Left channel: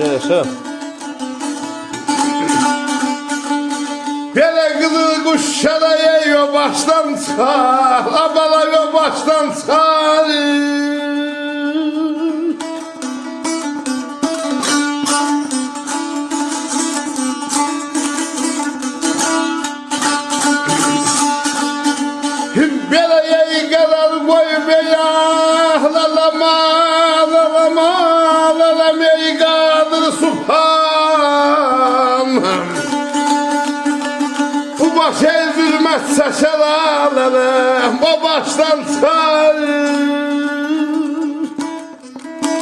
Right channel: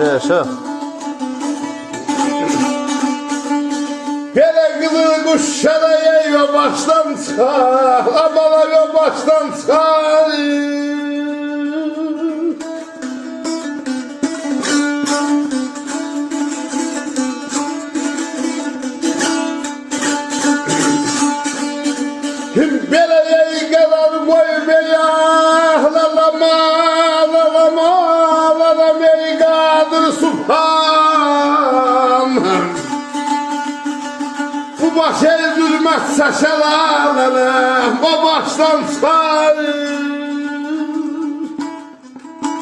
Yaşa yaşa. Belə qızıl quşlara yiyor baştan çıxar, abala yo baştan çıxar. Belə yey qalar qoy beya, lalama, lalama, lalama yey qadır subhan. Bu baş ezilmez saçalarım, o baştan çıkar.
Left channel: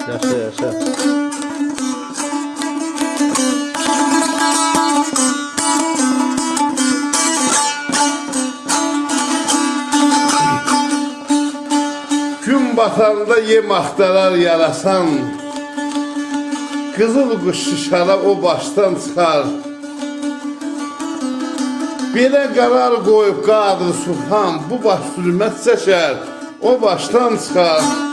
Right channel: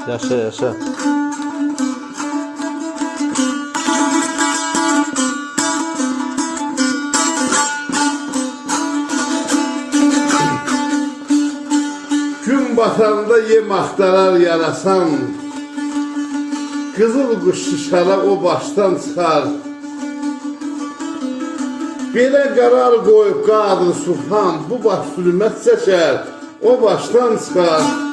Yaşa yaşa. Gün batanda yem axtarar yarasan, qızıl quş şişara o baştan çıxar. Belə qərar qoyub qadır sultan, bu baş sürməz çəkər, o başdan çıxar.